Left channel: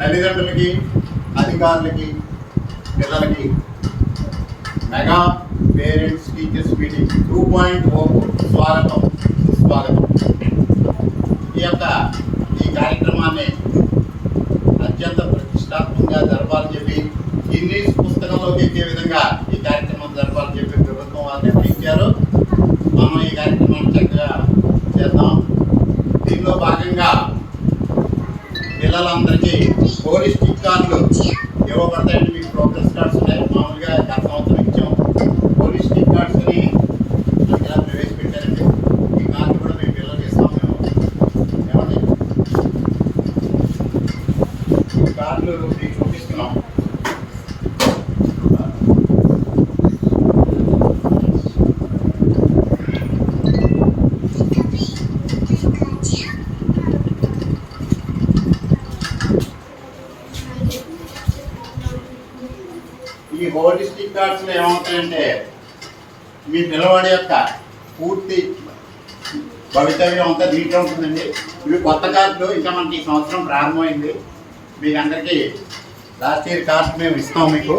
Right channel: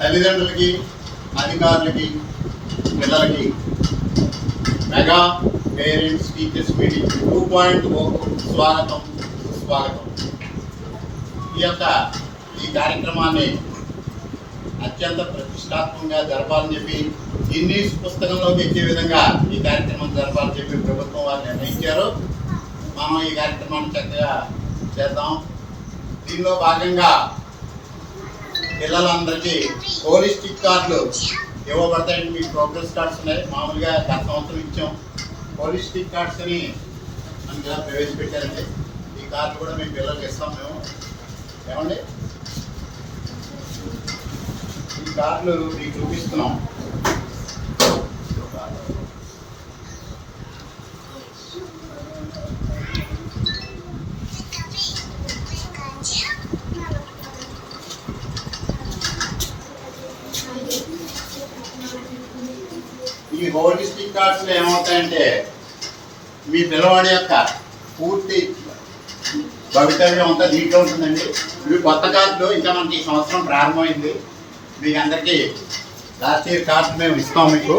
తల్లిదండ్రులకి అధికారులకి పిల్లలకి. Mega parents teachers meeting two point O స్వాగతం సుస్వాగతం ఈ యొక్క ఈ కార్యక్రమాన్ని అత్యంత ప్రతిష్టాత్మకంగా జరపాలని చెప్పి గిన్నీస్ పుస్తకంలోకి ఎక్కే విధంగా ఈ కార్యక్రమం జరపాలని చెప్పి ప్రభుత్వం వారు నిర్ణయించారు మనం ఈ కార్యక్రమాన్ని చక్కగా చేద్దాం. దీనిలో భాగంగా పిల్లలందరికీ పోలీస్ స్టిక్ కార్డులు ఇవ్వబడతాయండి మీకు ప్రోగ్రెస్ కార్డ్స్ ఉన్నాయి. మామూలుగా గత సంవత్సరం ఇచ్చాం. పోలీస్ స్టిక్ కార్డ్స్ని మనకి ప్రవేశపెట్టారండి. ఈ కార్డు కూడా మీ పిల్లలకి ఇస్తాం మేము. ఏమండి? ఈ కార్డులు మీకు చూపిస్తున్నాం. ఈ హోలిస్టిక్ కార్డ్స్లో ఏమవుతాయంటే మీ పిల్లవాడి యొక్క పూర్తి భవితవ్యం అంతా దీంట్లో ఉంటుందండి. ఇవి కొత్త కార్డులు ఇంకా మనకి ఈ సంవత్సరం ప్రారంభమైంది. మీకు అందరికీ లాస్ట్ ఇయర్ కార్డు మేము ఇస్తాం మీకు.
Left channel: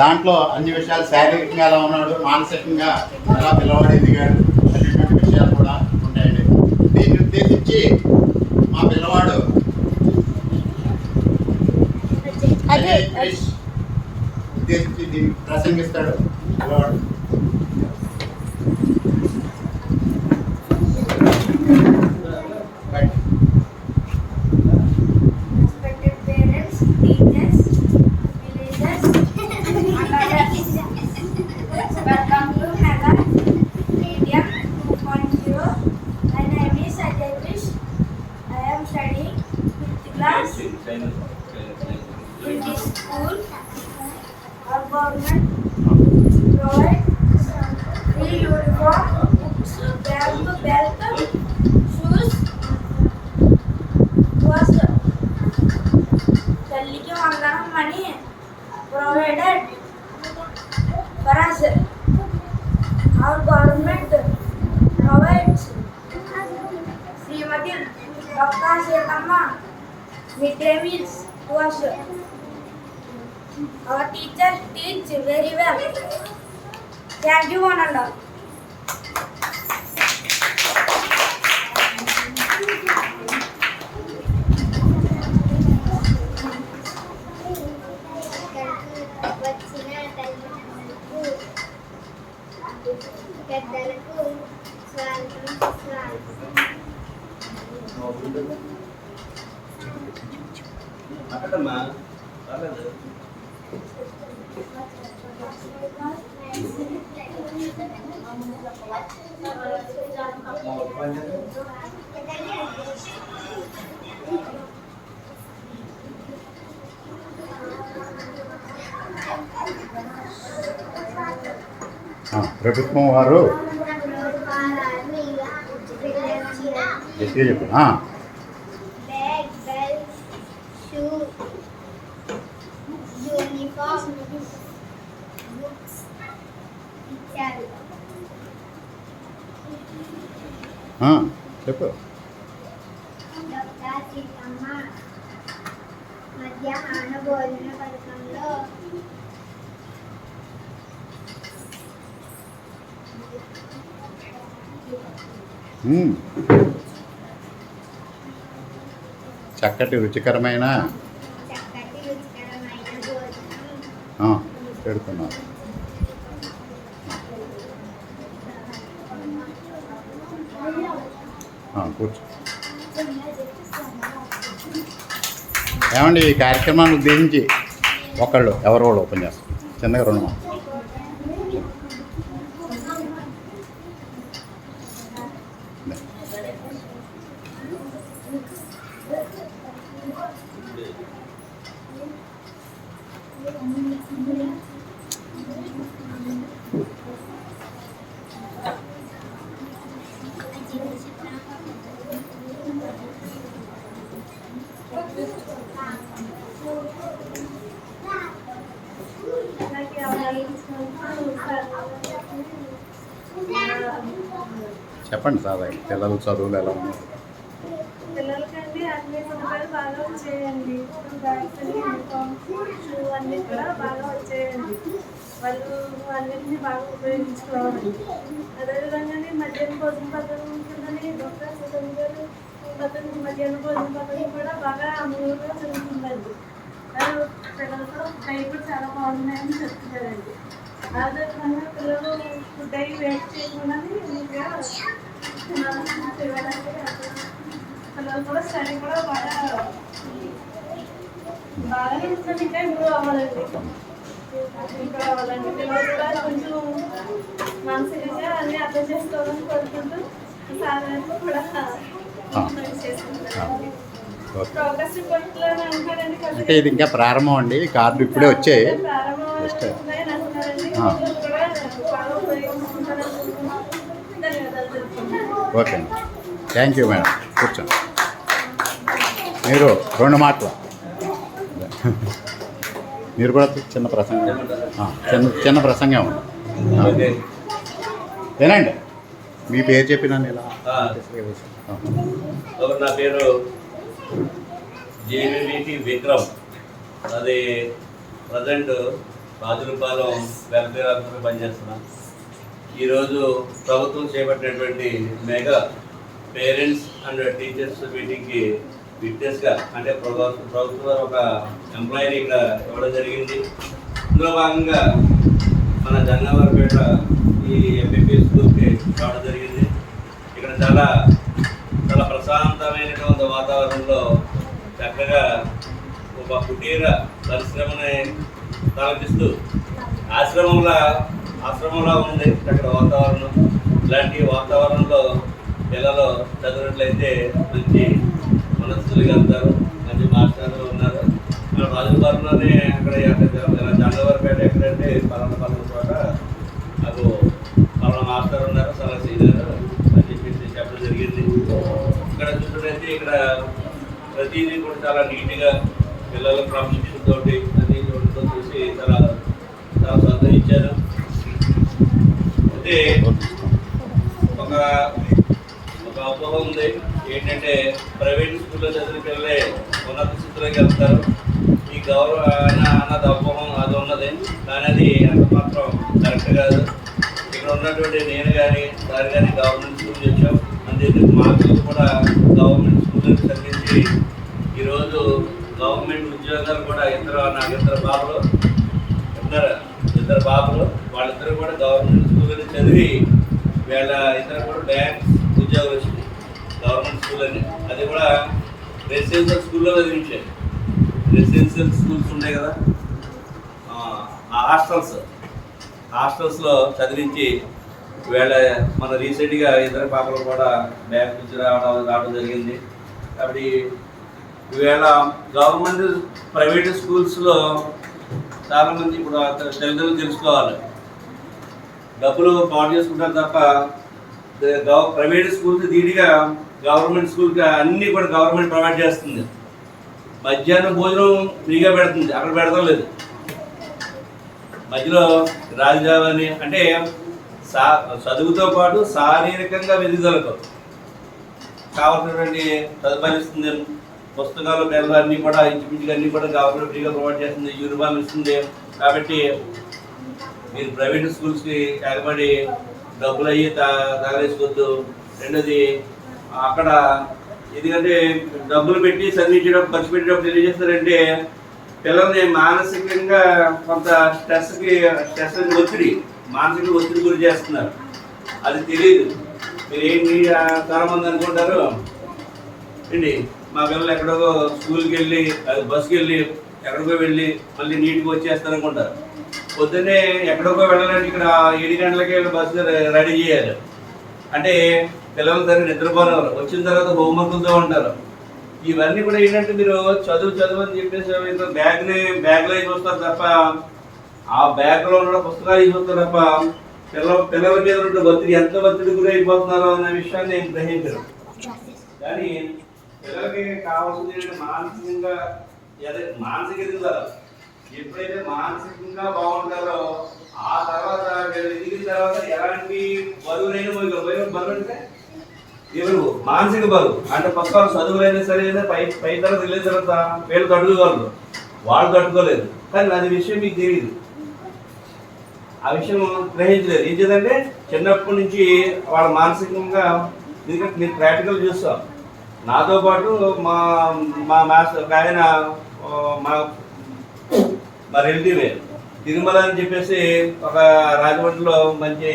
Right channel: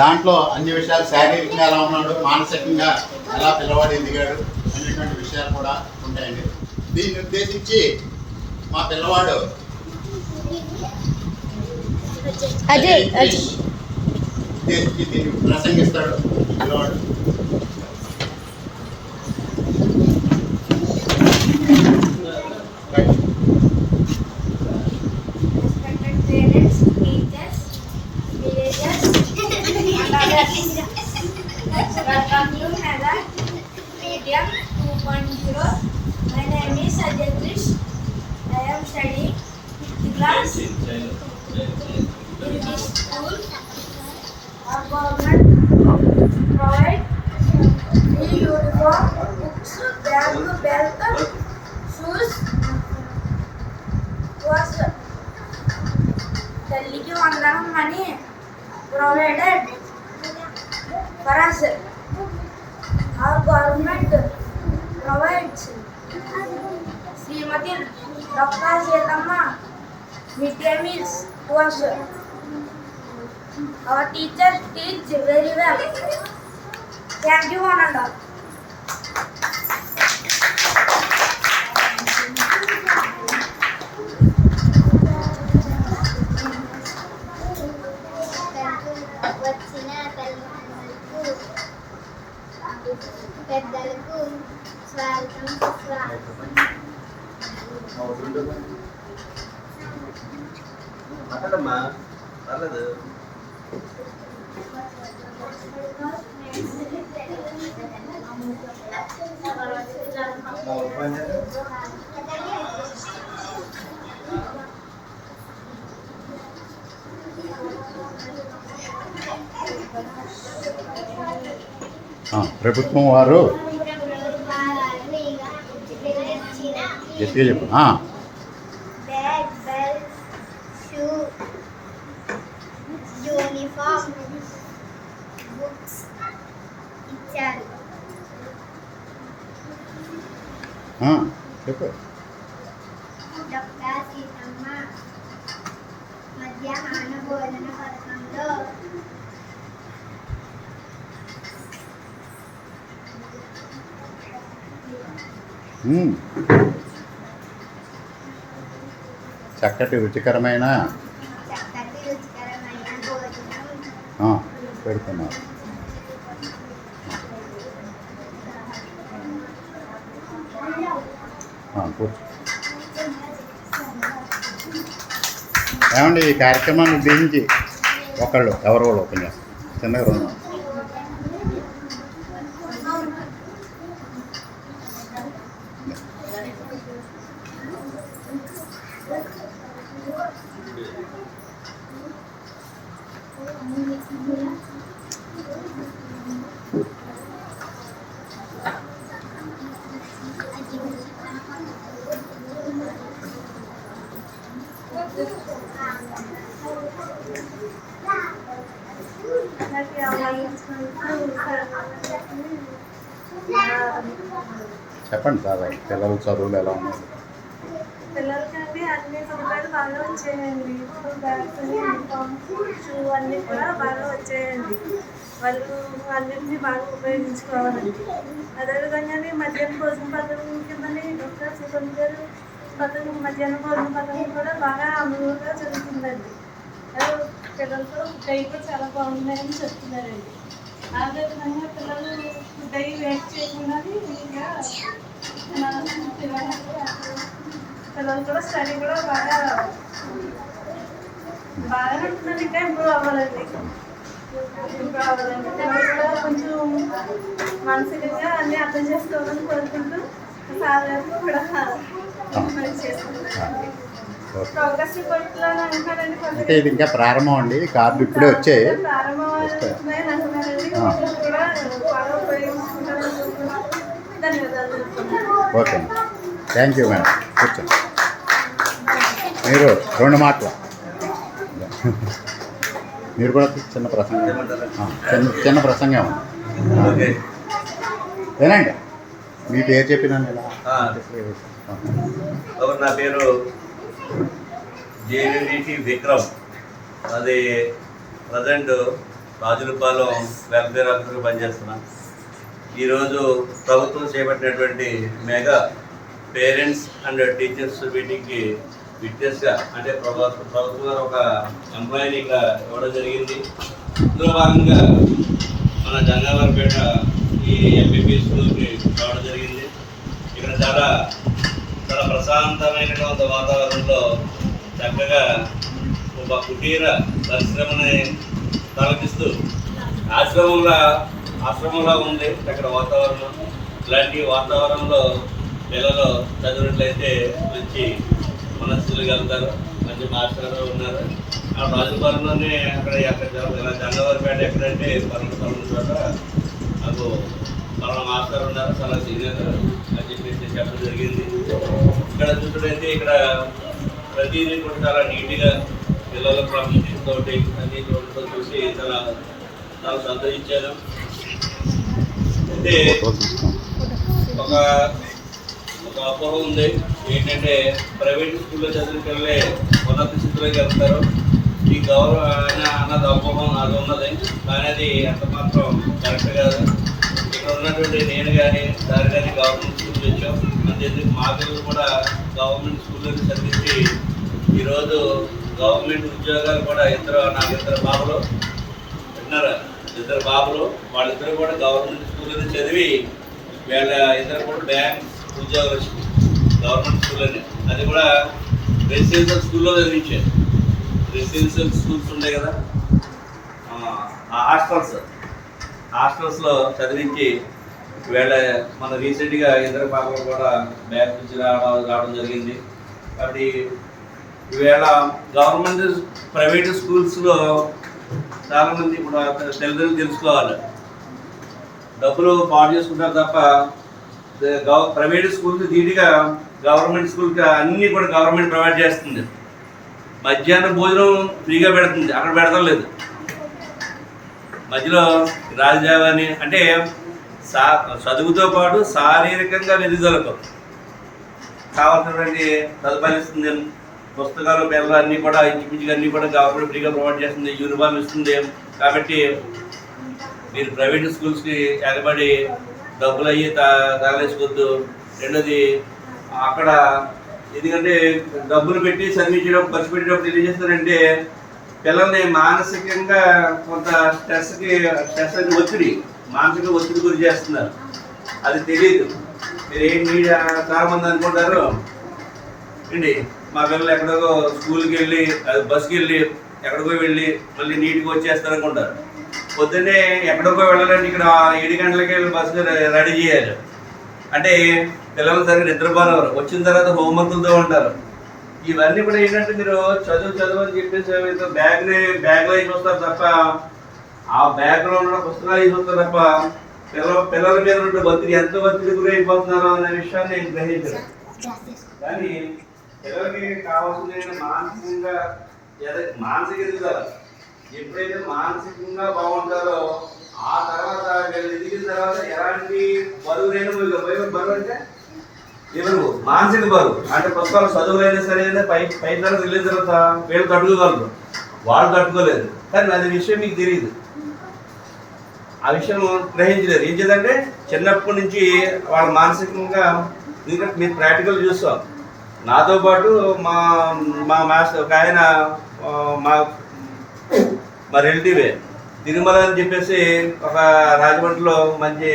దాంట్లో అన్ని విషయాలు శారీరకంగా ఎలా ఉన్నాడు మానసికంగా ఎలా పిల్లవాడు ఎదిగాడు అనేటువంటి విషయాలు కూడా ఉంటాయండి. దీన్ని ఉద్దేశించి మా పిల్లవాడు అజయ్ అజయ్ క్రిష్ ఉద్దేశించి దీన్ని ప్రసంగిస్తాడు పిల్లవాడు bag, belt, shoes, was Thalliki Vandanam money provided for us our government provides Shrimati doctor Seethamma mid day meals to us our teachers teach very well thank you one and all ప్రభుత్వం వారు గట్టిగా చెప్పు ఆ, bag belt shoe uniform books ఇచ్చారు ఆ, చెప్పు doctor Seethamma మధ్యాహ్న భోజన పథకంలో ఉమ్. చక్కటి రుచికరమైన పెడుతున్నారు కూర్చో. ఏమండి ఈ కార్యక్రమాన్ని ఉద్దేశించి ఒకళ్ళు ఎవరో కూడా ఓపెన్ చేస్తారు. చిన్నగా రెండు చెప్పండి సార్ పిల్లలు చదువులు ఎలా ఉన్నాయి? పిల్లలకంటే అన్ని సదుపాయాలు బాగా వచ్చాయండి. బ్యాగ్స్ యూనిఫామ్ షూ అన్నీ కూడా బాగా వచ్చాయండి. వాళ్ళు అన్నింటినీ బాగా ఉపయోగించుకోవాలండి. అదేవిధంగానే మధ్యాహ్న భోజన పథకం కిందని డాక్టర్ సుగంధ గారు పథకం మధ్యాహ్న భోజన పథకం కూడా బాగా అమలుగా జరుగుతుందండి. అది పిల్లలతో డైట్ చాలా బాగున్నాయని చెప్తున్నారండి. అదేవిధంగా పిల్లలు కూడా స్టడీ కూడా బాగా బాగానే ఉంటుందండి ఇంకా ఇంప్రూవ్ అవ్వాలండి. ఇంప్రూవ్ అవ్వాలండి. పిల్లలు కూడా కొంచెం మానసికంగా అన్ని అర్థం చేసుకోవాలని కోరుకుంటూ సార్ కూడా చేసుకుంటారండి అంటే ఇది ఇంకా ప్రారంభం అండి. కార్డు ఇప్పుడే వచ్చాయి. తెలుపుతున్నాను ఓకే అండి. థ్యాంక్ యూ మేడం కూర్చోండి. మీరు రెండు మాటలు. మీరు కూడా చిన్న ప్రసంగం. చిన్న చిన్న ప్రసంగం ఉంది ఏనండి? మీ పేరు చెప్పినా ఇలా నా పేరు జేవీటీ విక్రమ్ అది ప్రజెంట్ రాజులపాలెం వెల్ఫేర్ ఆఫీసర్గా పనిచేస్తున్నా. ఈరోజు ప్రభుత్వం చేపట్టినటువంటి మెగా పేరెంట్స్ అండ్ టీచర్స్ మీటింగ్కి విట్నెస్గా అంటే ప్రభుత్వం ప్రభుత్వం ఒక ఎంప్లాయీని ఇక్కడ ఇవ్వడం జరిగింది. ఇందులో భాగంగా మన జంగాలపేట ఈ ఎంపీపీ స్కూల్కి రావడం జరిగింది. ఇక్కడ చాలా ప్రశాంతమైనటువంటి వాతావరణంలో చక్కగా ఒక కుటీర పరిశ్రమని తలపిస్తూ ఆశ్రమంలా ఆశ్రమంలా ఉంది అక్కడ వాతావరణం. ఇలాంటి వాతావరణంలో పిల్లలు చదివినట్లయితే మంచి మనస్సులు వెళ్తారు మంచి మాస్టర్లు ఉన్నారు. ఆ రాజుపాలెంలోనే అక్కడ అక్కడ జంగవరపేట ఎక్కడంటే పలానా పలానా చోట నాకు పలానా మాస్టర్ ఉన్నారు చాలా సీనియర్. చెప్పడం జరిగింది. ఇక్కడ చూసుకుంటే ఇక్కడ ప్రతిదీ కూడా చాలా నీట్గా పిల్లల క్రమశిక్షణ తోటి అన్ని తోటితో చూసి చాలా చాలా శ్రద్ధ అయితే ఒక ఒక అపోహ ఉంది. ఏంటంటే ప్రైవేట్ స్కూల్లో చదివిన పిల్లలే ఉన్నత స్థితిలోకి వెళ్తారు. ఈ గౌరవ అన్న అన్నది అపోహం అది ఉన్నది. కానీ అది ఎంత మాత్రం కరెక్ట్ కాదు. ఇక్కడ ఉన్నటువంటి నేను కానీ సార్ కానీ గవర్నమెంట్ స్కూల్ వచ్చాం. అంతేందుకు మా పిల్లలు కూడా గవర్నమెంట్ స్కూల్లో చదివించి ఈరోజు గవర్నమెంట్ ఉద్యోగాలు కూడా ఇద్దరు నాకు ఇద్దరు బాబులు విన్నారా ఇద్దరు బాబులు వాళ్ళిద్దరు కూడా గవర్నమెంట్ స్కూల్లో చదివి వీళ్ళ ఇద్దరు కూడా బ్యాంక్ ఉద్యోగాలు వచ్చింది గవర్నమెంట్ స్కూల్ అని. అది కూడా రెసిడెన్షియల్ స్కూల్లో చదివించారు. రెసిడెన్షియల్ స్కూల్స్ ఉంటాయి కదా. ఆ హాస్టల్స్ హాస్టల్స్లో చదివించి వీళ్ళ మన రీసెంట్గా ఇద్దరు పాపలు కూడా బ్యాంక్ నుంచి రావడం రావడం జరిగింది. కాబట్టి ఈవేళ గవర్నమెంట్ ప్రైవేట్ స్కూల్స్లో చాలామంది ఇప్పుడు తల్లిదండ్రులు తెలుసుకోవాలి. డబ్బులు పాడు చేసుకుంటారు తప్ప గవ- ప్రైవేట్ స్కూల్స్ ధీటుగా గవర్నమెంట్ స్కూల్కి అన్నీ కూడా గవర్నమెంట్ ప్రొవైడ్ చేస్తుంది. మధ్యాహ్నం భోజనం ఫ్రీగా పెడుతుంది. అక్కడ పెడతాం లేదు మధ్యలో రాజధాని అంటే సా చదువుతో పాటు శారీరకంగా ఎదుగుదలకు కావాల్సినటువంటి సదుపాయాలు ఇస్తుంది పుస్తకాలు పిల్లలు అన్నీ కూడా ఇంచుమించుగా అన్నీ కూడా గవర్నమెంట్ ఫ్రీగా ప్రొవైడ్ చేస్తుంది యూనిఫామ్ ఇస్తుంది. కాబట్టి మీరు ప్రైవేట్ స్కూల్స్కి ఎగబడి డబ్బులు అయ్యి తా తగలేసుకోవద్దు. రెండోది అక్కడ ఎందుకంటే డబ్బులు పెట్టి చదివించేటప్పుడు ఖర్చు పెట్టేటప్పుడు తెలియజేస్తారంటే పిల్లల్ని మానసికంగా కొంత స్ట్రెస్కి స్ట్రెస్ అని ఒత్తిడి మానసిక ఒత్తిడి గురి చేస్తున్నారు. అది తెలియదు మీరు ఏంటి ఆ, చాలా మంది అనుకుంటారు? ఏంటి? మా పిల్లలు ఎక్కడో స్కూల్కి వెళ్ళి అది బస్కి వెళ్ళి ఎక్కడికో వెళ్ళి మళ్ళీ నీట్గా వచ్చేస్తారు అనుకుంటారు. పొద్దున్నే ఎక్కడికో వెళ్ళాలంటే ఇక్కడ ఏడు గంటలకి వెళ్ళి బస్సు రెడీ చేయాలి. అంటే పిల్లలు సరిగ్గా నిద్రపోలేవారు వచ్చిన తర్వాత హోంవర్క్లతో ఉంటారు. ఇవన్నీ కూడా ఏంటంటే మీరు చదువు చదువు అని చెప్పేసి ఏమైతే బ్యాగ్ని బ్యాగ్లో వేసి వస్తారు తప్ప ఆ బ్యాగ్లో ఉన్న పుస్తకాలు వేసి తప్ప పిల్ల పిల్లల మీద ఉన్న ఒత్తిడి ఎంత ఒత్తిడి గురి అయిపోతున్నారో అనే విషయాన్ని నేను గ్రహించను. కానీ పిల్లలకి కావాల్సింది మానసికంగా మానసిక ఎదుగుదల ఎప్పుడైతే మానసికంగా బాగుంటారో ఆ తర్వాత వీళ్ళు ఎదిగిన తర్వాత ఎలాంటి బరువు లేని బరువు బరువు అంటే ఎవరు మానసిక బరువు. అంటే పుస్తకాలు చదువులైనా సరే పై పై తరగతి వెళ్ళిన తర్వాత వీళ్ళు కట్టుకోగలరు. వాళ్ళు కట్టుకోలేదు. కానీ అది విషయం మీకు తెలియదు ఆ విషయం గ్రహించలేదు. ఏం చేద్దంటే చిన్నప్పటి నుంచి వాళ్ళ మానసికంగా ఎందుకంటే మీరు ప్రాక్టికల్ చూస్తాం. నాతో పాటు మా మా మాస్టర్ ఒక ఆయన మా మా రిలేటివే తిరుమల అని చెప్పేసి ఒక రాజమండ్రిలో మంచి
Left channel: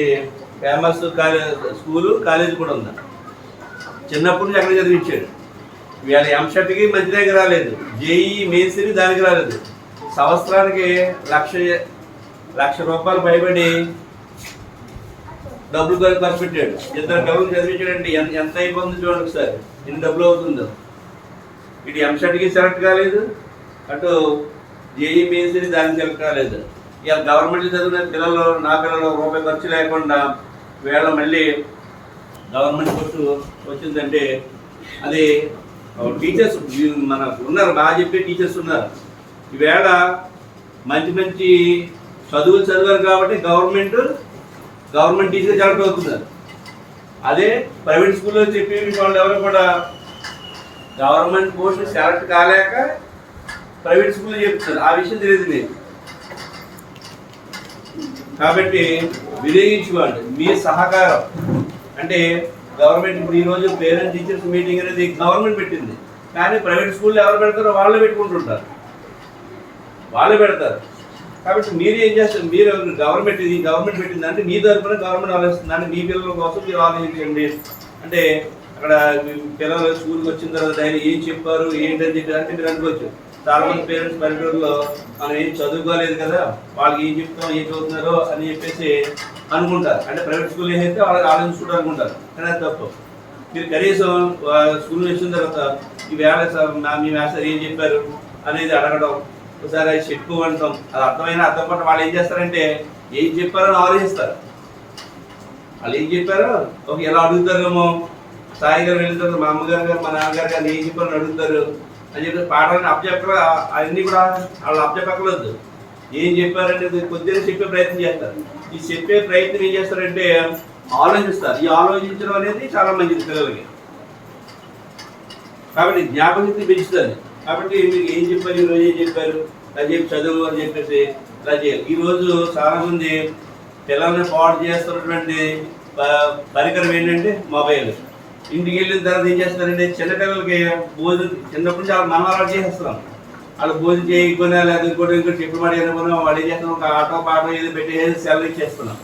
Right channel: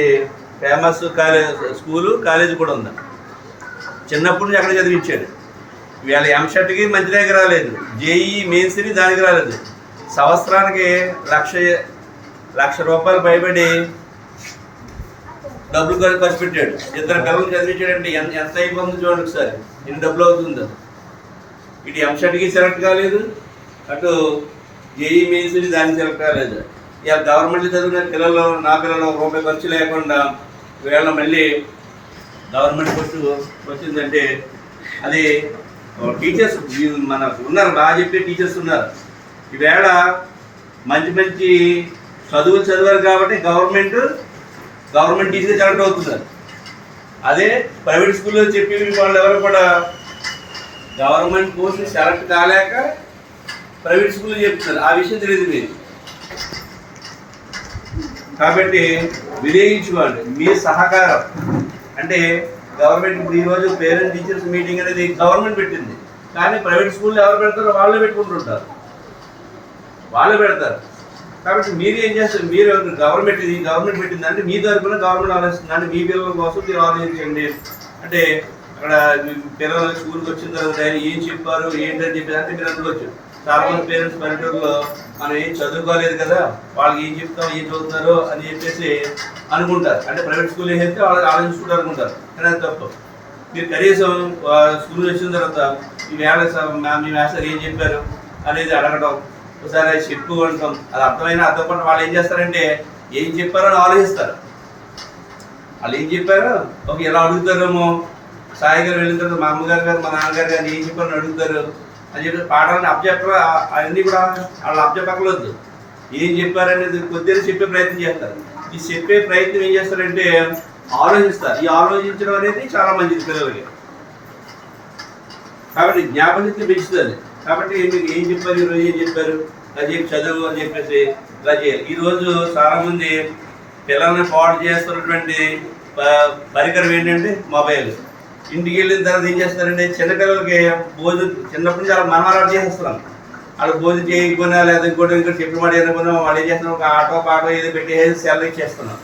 ఫేమస్ కాలేజ్ స్కూలు కాలేజ్ కూడా ఉంది. చిన్నప్పటి నుంచి అక్కడ చదివించాడు. వీళ్ళ ఎంసెట్కి మంచి దగ్గర రాలేదు. జేఈ మెయిన్స్ని దానికి రాలేదు. సంవత్సరానికి లక్ష లక్ష రూపాయలు భయపడి డబ్బులు ఖర్చు పెట్టాడు. ఇద్దరు పిల్లలు చదివించాడండి ఎంత ఎంత అయిపోతుంది చూడండి ఒకసారి. ఎన్ని డబ్బులు అవుతుందో. ఇటు ఎంసెట్కి సెలెక్ట్ కాలేదు. అటు జేఈ మెయిన్స్ని దానికి సెలెక్ట్ కాలేదు. ఇక గవర్నమెంట్ చదివిన పిల్లలు నా పిల్లలు రూపాయి ఖర్చు లేకుండా వీళ్ళ మళ్ళీ గవర్నమెంట్ పోస్ట్ వచ్చిందంటే అది టీచర్స్ మన ఉన్నారు బాగా చెప్పే టీచర్స్ ఉన్నారు. ఈవేళ మంచి మంచి చదువులు చదివారు కాబట్టి గవర్నమెంట్ గవర్నమెంట్ టీచర్ కరెక్ట్ అవుతున్నారు. అదే ప్రైవేట్ స్కూల్లో చెప్పి వాళ్ళు ఎవరు కూడా గవర్నమెంట్ పోస్ట్ సెలెక్ట్ కాలేక ప్రైవేట్ స్కూల్ చెప్తున్నారు ఆ విషయం తెలియదు మీరు కాబట్టి వినియోగించుకోండి మీ సహకారం. అంటే గవర్నమెంట్ ఇప్పుడు ఈరోజు పేరెంట్ టీచర్స్ మీటింగ్ అనేది గవర్నమెంట్ పెట్టింది. కానీ ప్రైవేట్ స్కూల్లో ఎవరు పెడతారో వాళ్ళే పెట్టుకుంటుంటారు. వాళ్ళు పెడతారు. కాబట్టి మీరు ఏం చేస్తారు? మీరు గవర్నమెంట్ ఇది గవర్నమెంట్ పెట్టింది అంటే మీ తరఫున గవర్నమెంట్ ఆలోచిస్తుంది. అంటే మీ పిల్లల కోసం మీరు ఆలోచించండి. అంటే అక్కడ పిల్లలు స్కూల్కి వచ్చిన తర్వాత ఆయన ఏం చెప్పారు ఏంటని చెప్పి అంటే మీరు అనుకోవచ్చు. చాలా మంది పేరెంట్స్ పల్లెటూరులో మనం ఏం చదువుకోలేదు కదా వాళ్ళకి ఏం చెప్తాం ఏం చదువుతున్నారు అని చెప్పేసి అనుకుంటారు. అంటే ప్రైవేట్ స్కూల్ ఏం చెప్తే వాళ్ళు ఆలోచించుకుంటారు అనుకుంటారు. కానీ అది తప్పు. మీరు కనీసం స్కూల్ వచ్చిన తర్వాత ఈ వేళ మీ మాస్టర్ ఏం చెప్పారు అనేది అడగడం ఒకసారి అది చెప్పు అంటాం. అది అర్థమైన అర్థం పట్ల వాళ్ళు ఏం చేస్తారంటే ఏం చెప్పారో అని ఆలోచిస్తారు. వాళ్ళు ఏం చెప్పారో ఒక ఎలా అడుగుతారేమో సాయి గారు వెళ్ళిన తర్వాత మా అమ్మగారు గారు మా నాన్నగారు గారు ఏం చెప్పారని అడుగుతారు? అని చెప్పి పాఠాన్ని అప్పచెప్ప అన్నీ కూడా వాళ్ళు అప్పచెప్పకలేదు ఏం చెప్పారనేది కొద్దిగా చెప్పే ప్రయత్నం చేస్తారు. ఈ చెప్పే ప్రయత్నం ఏం చేస్తారంటే ఆలోచిస్తారు. ఈ ఆలోచించడం అనేది చాలా మంచిది పిల్లలకి. కాబట్టి జ్ఞాపకశక్తి పెంచుతుంది. కాబట్టి మీకు ఏం చెప్పారు ఈరోజు ఏం చెప్పారు? ఇలా చెప్పి చదువు అని చెప్పేసి ఇలా చేయాలి. ఈరోజు చాలామంది పిల్లల్ని పాడు చేస్తున్నటువంటి పరికరం ఏంటంటే మొబైల్. ఇంటికి వెళ్ళిన తర్వాత ఏం చేస్తారంటే చిన్నపిల్లలకి భోజనం చిన్నప్పటి నుంచి వాళ్ళ మనం అలవాటు చేసేస్తున్నాం. వాళ్ళు భోజనం చేయకపోయినా లేదా ఇంకోటి ఇంకోటి చెప్పిన మాట అనుకున్నా వాళ్ళు ఏం చేస్తున్నాం ఒక ఆటో పాటో ఏదో పెట్టేసి సెల్ ఇచ్చేస్తున్నాం.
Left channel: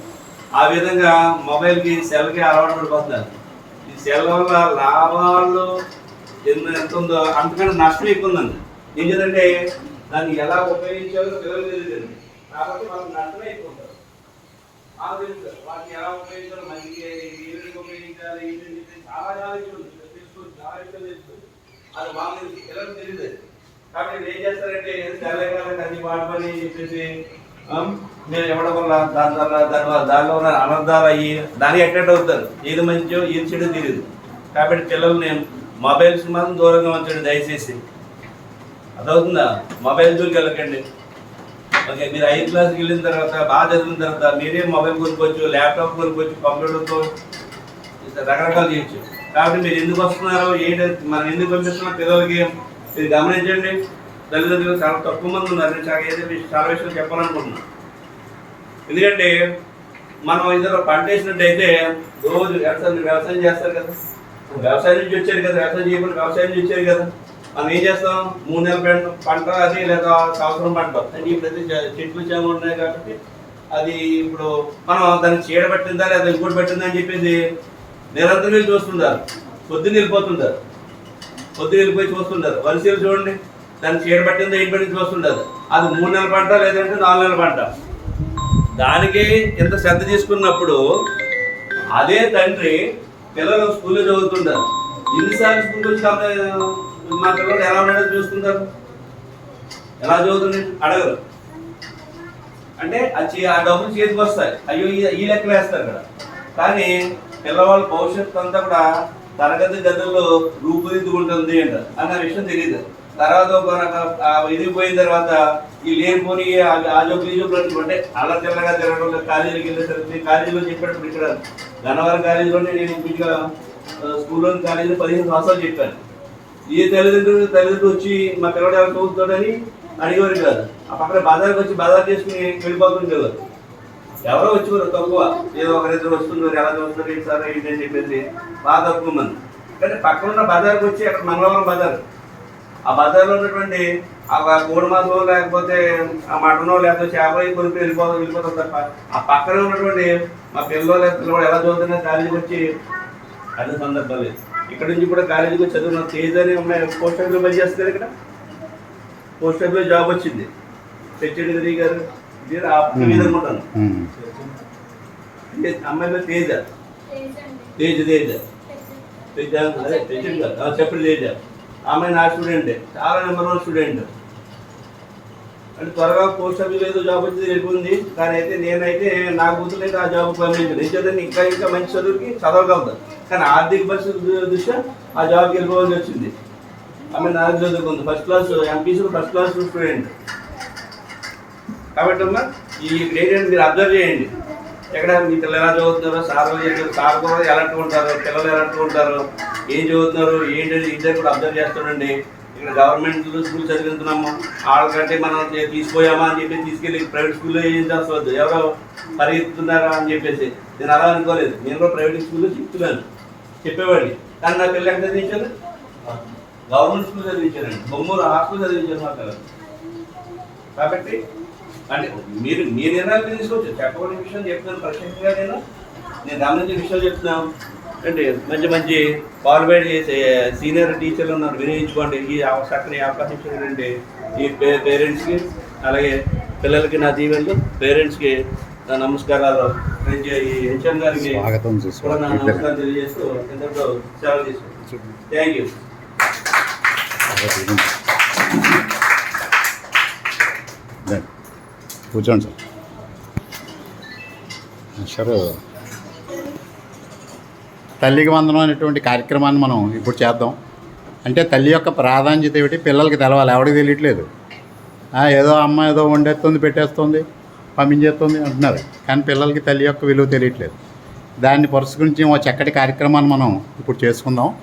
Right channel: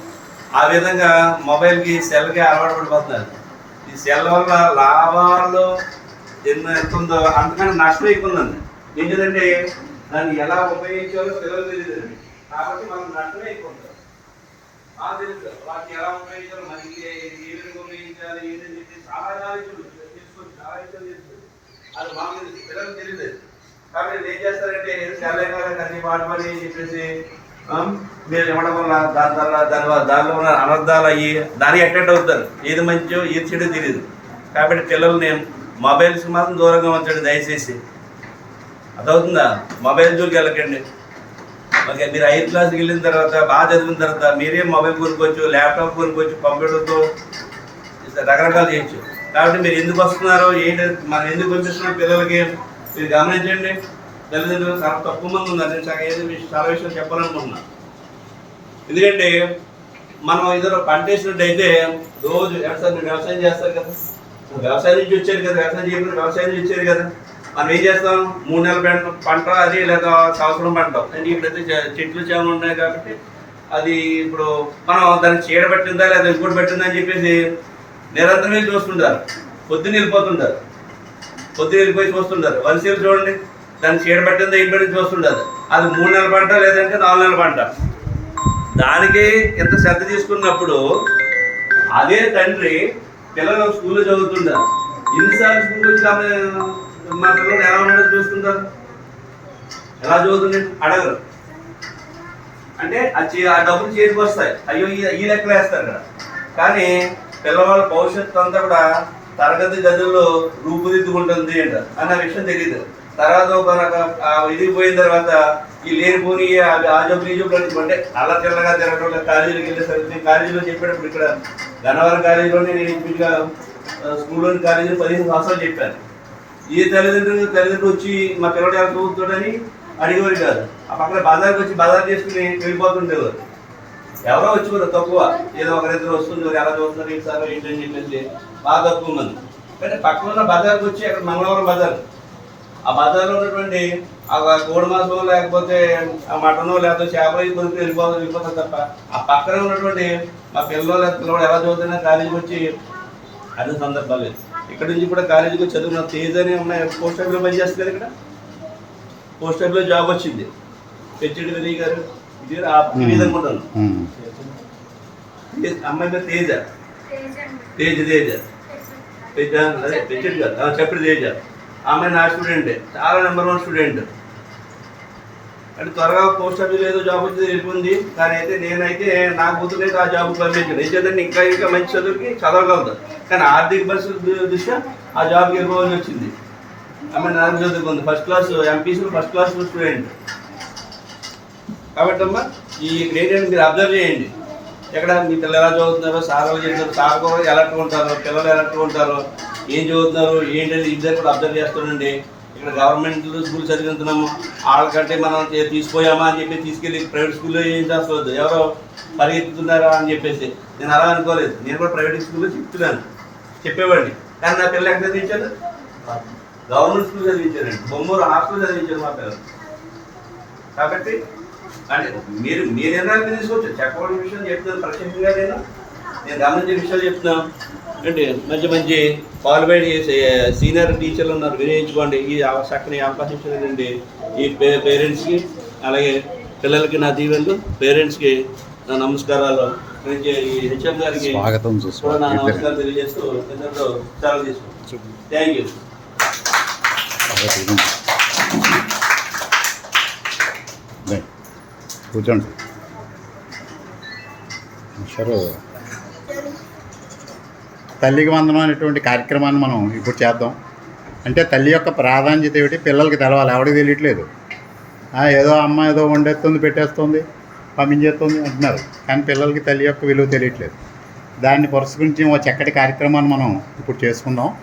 ఆ విధంగా మొబైల్కి సెల్కి అలవాటు పడిపోతున్నారు. ఈ సెల్ వల్ల లాభాలు ఎన్నో ఎంత ఉందో అంతకన్నా నష్టం ఎక్కువ ఉందండి. ఏం దాన్ని ఎలా ఉపయోగించాలో పిల్లలు తెలియదు. కాబట్టి మనకు నష్టమే ఎక్కువ ఉంటుంది తెలుసు. వాటిని ఎలా మనకి ఏ విధంగా ఉపయోగించాలి ఏంటని చెప్పి చాలా తీసుకొని చాలా అది మాకు పిల్లలకు తెలియదు. కాబట్టి ఏం చేస్తారంటే అన్ని చెప్పేసి మీరు ఇవ్వడం వల్ల దాని వల్ల దాని వల్ల దానిలో ఉన్న అనర్థాలు అయ్యి దానికి అటెండ్ అవుతారు. ఏది మంచో ఏది చెడు తెలియదు కాబట్టి పిల్లల్ని మొబైల్స్కి మాత్రం దూరంగా ఉంచండి దయచేసి. అదవుతుందా మొబైల్ జోలికి వెళ్ళకండి. ఓకే మీరు ఐదు క్లాస్కి వెళ్ళిన తర్వాత బాగా చదివిన తర్వాత మీరే మొబైల్ కొనుక్కోవచ్చు ల్యాప్టాప్ కొనుక్కోవచ్చు కంప్యూటర్తో రకరకాలు చేయొచ్చు. కాబట్టి మీరు ఎందుకు వస్తున్నారో ఏంటి మనం ఎందుకు పంపిస్తున్నాం పిల్లలకి? మీరు గమనించండి. తల్లిదండ్రులు చాలా తక్కువ మంది ఉన్నారు. నేను చాలా ఏదో విషయం- చాలా విషయాలు చెప్పాలనుకుంటున్నా. ఎందుకంటే మనం ఇద్దరు పంట వేసినట్టయితే రోజు వ్యవసాయం వ్యవసాయం చేస్తారు కదా. వ్యవసాయం నుంచి వచ్చారు కదా వ్యవసాయం చేయకుండా వ్యవసాయం నుంచి వచ్చారు కదా. మనం ఏం చేస్తాం? మూడు నెలల పంట పంట అది లేదా సంవత్సరం పంట. అంటే ఇప్పుడైతే చెట్లు చేమలు ఉన్నాయి కాబట్టి అది ఇప్పుడు మనం దానికి చీడ పట్టిందా లేదా ఇంకోటి పట్టిందా అని చెప్పేసి నిరంతరం వెళ్ళి చూస్తుంటారు. పొద్దున్న వెళ్ళిపోతుంటారు. పొద్దున్న వెళ్ళిపోయి చూస్తుంటారు. వలసలు చూడండి. దాన్ని చీడ పట్టిందా ఇంటి పట్టింది చూస్తుంటారు. అది మూడు నెలల పంట లేదంటే నాలుగు నెలల పంట. దానికి ఎంత శ్రద్ధ తీసుకున్నప్పుడు అదే తండ్రి పిల్లలు స్కూల్లో చదువుతుంటారు. ఎన్నిసార్లు స్కూల్ వచ్చి మా పిల్లలు ఎలా ఉన్నాడో చూసుకుంటారు. ఎలా చదువుతుంది? అడగరు. అంటే ఆ ఆ డబ్బులు చేతికి వస్తాయి. అయ్యో ఈ- లెక్కలు వేస్తారు కదా. కానీ పిల్లవాళ్ళ భవిష్యత్తు అంతా కూడా తరగతి గదుల్లో రూపుదిద్దుకుంటుంది అంట. అన్న విషయం తెలియదు తర్వాత ఒక ఇది పోయిన తర్వాత ఈ లేనిపోని ఆ- ఆ జబ్బులు ఈ జబ్బులు అంటే అలా తెల్లగా తిరగడం కాలేజీకి వెళ్ళేసరికి కాలేజీలో చెప్పేటప్పుడు ఇక్కడ గన్నవరం కాలేజీలో నేను ఇంచుమించుగా స్కూల్లోని కాలేజీలో పదిహేను సంవత్సరాలు చెప్పాను. ఏ తల్లిదండ్రులు తల్లిదండ్రులు వచ్చి మా పిల్లడు ఎలా చదువుతాడని అడిగేవారు కాదు. ఆ పక్కన బజార్కి వచ్చి బజార్ చేసుకుని వెళ్ళిపోతుండేవారు. ఎవరో వచ్చి కూడా తక్కువ. ఏదో ఒకరిద్దరు వస్తున్నారు ఎలా చదువుతున్నారు ఏంటి సార్ ఏంటి అని చెప్పేసి బాగా తక్కువ మంది. కానీ పక్కన ఉన్న బజార్కి వచ్చి అక్కడ మంగళవారం బజార్ ఆ బజార్లో ఉన్నటువంటి ఆ కోడి మాసం లేకపోతే ఆ మటనో లేకపోతే చేప ఇవి కొనుక్కు వెళ్ళిపో వెళ్ళిపోతాం తప్ప ఆ పక్కన ఉన్నటువంటి మా పిల్లలు పిల్లవాడు పిల్లలు ఎలా చదువుతున్నా కాలేజీకి వచ్చి అన్ని సందర్భాలు లేదు. ఇక్కడ నుంచి కూడా కాలేజీకి చదువున్న తేజ్ అని ఉన్నాయి? పోస్ట్ ఆఫీస్లో పనిచేస్తుంది ఇక్కడ? పోస్ట్ ఆఫీస్లో జాబ్ వచ్చింది. విజయ్ గారు ఇది అనుకుంటాను. తేజ్- అమ్మాయి పేరు తేజ. తేజ్ తేజ. తేజ అదే కాదు ఆ, చెప్పండి తేజ. ఆమె నా స్టూడెంట్ చాలా నెంబర్ వన్ స్టూడెంట్ అంటే త్వరగా పోస్ట్ ఆఫీస్ ఏదో జాబ్ వచ్చింది వెళ్ళిపోయింది కానీ అయితే నేనైతే నా కూతురైతే ఆ జాబ్ పంపించాను ఎందుకంటే ఇంకా ఇంకా మంచి చదువుకి చదవగలదు కానీ ఆర్థిక పరిస్థితి దృష్ట్యా ఆ జాబ్కి వెళ్ళిపోవాల్సి వచ్చింది. ఆమె నాకు చదువుకుంది first class MPC first class student కాబట్టి అమ్మా ఈ ఇక్కడ మీరు అబ్జర్వ్ చేయండి. ఎక్కడ మీ పిల్లలు ఎలా చదువుతున్నారో సార్ చేస్తారు సార్ కూడా ఎలాంటి ఉంటారు పిల్లలు ఎలాంటి ఉంటారు ఏం చదువుతున్నారు ఏంటి ఇద్దరు కూడా అబ్జర్వ్ చేస్తుండండి ఇక్కడ గవర్నమెంట్ స్కూల్ చదివిస్తున్నాము వాళ్ళకంటే మనం తీసిపోయామా అని చెప్పి తీసుకెళ్ళి ప్రైవేట్ స్కూల్లో ఏం చేస్తుంది ఎవరో పరిగెత్తుతున్నారా అని చెప్పేసి. నేను అలా అనుకోలేదు. నేను కూడా ప్రైవేట్ స్కూల్లో చెప్తున్నాను. చెప్పేవాడిని. కానీ నా పిల్లలు ఎక్కడ చదివించాను గవర్నమెంట్ స్కూల్ చదివించానండి బొమ్మూరు హాస్టల్ చదివించాను మా పిల్లలు. కాబట్టి అంటే మీరు మీ నిర్ణయాలు తీసుకోవచ్చు చెప్పవలసిన విషయం చెప్తున్నాను. ప్రత్యేకంగా నేను. నేను గమనించే విషయాలు చెప్తున్నాను అంటే మంచి మంచి క్వాలిఫైడ్ సీనియర్ టీచర్లు ఉన్నారు. వినియోగించుకోండి ఈ చక్కని అవకాశం ఇచ్చినటువంటి ఈ పేరెంట్స్కి అలాగే పిల్లలకి నా దీవెనలు పేరెంట్స్కి నా నమస్కారాలు. ఈ హెచ్ఎం గారికి కూడా నా నమస్కారాలు తెలియజేస్తూ ఎంతో సెలవు తీసుకుంటాను థ్యాంక్ యూ. కూర్చోండి సార్. సార్ తల్లికి వందనం అనేటువంటి కార్యక్రమాన్ని మనం ఇప్పుడు చేద్దాం. అంటే తల్లి యొక్క ప్రాధాన్యత ఏమిటి? పిల్లలకి తెలవాలి. ఎవరికి తెలియట్లేదు. ఏదో అమ్మ ఏదో వండేస్తుంది పెట్టేస్తుంది పంపించేస్తుంది అంటున్నారు. కానీ పిల్లలకి తల్లి యొక్క విలువ తెలియట్లేదు. దాన్ని పురస్కరించి ఒక చక్కటి కార్యక్రమాన్ని మనం ఇప్పుడు చేసుకుందాం.